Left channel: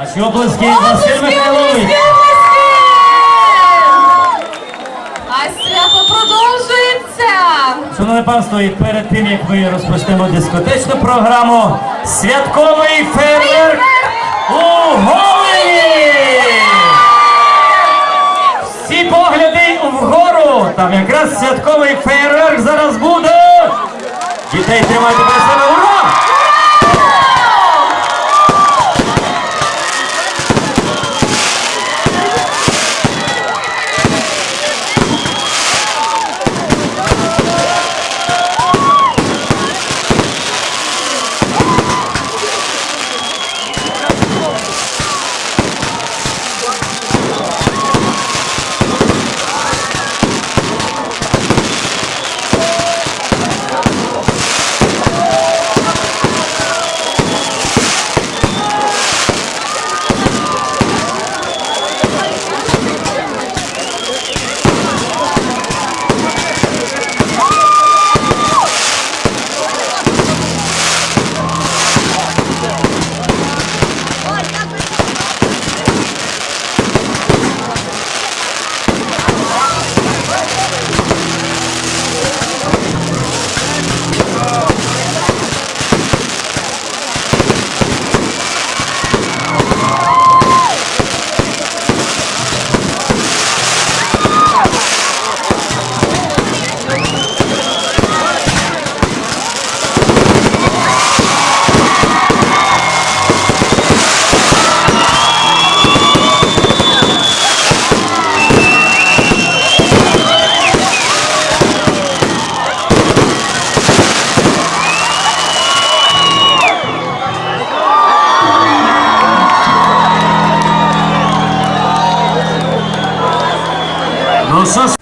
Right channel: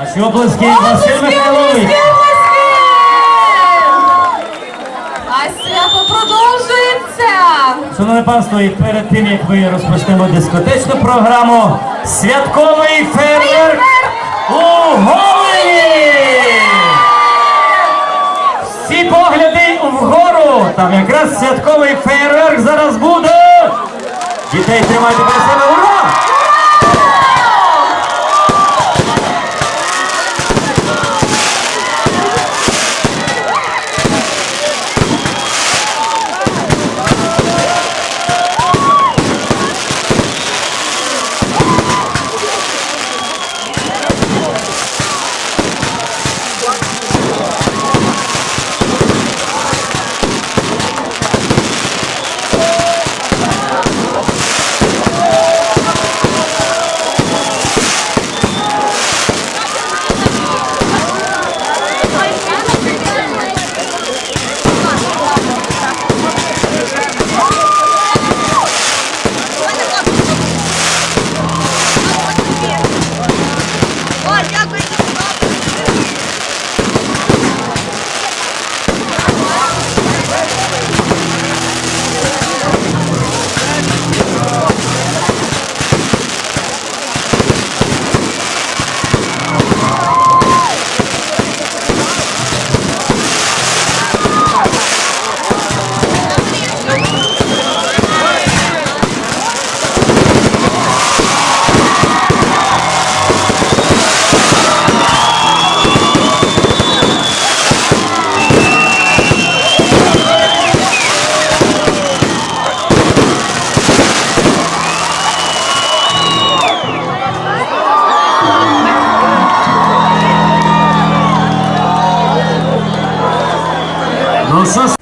Ваші обласки, Василь Михайлович. А свято продовжується. Шановне панство, і перед тим як ми розпочнемо дискотечну програму, святковий фейерверк у Голені! Всі погляди вгору! Там якраз святковий фейерверк зараз буде! Дітей тримайте при себе! Ура! Nossa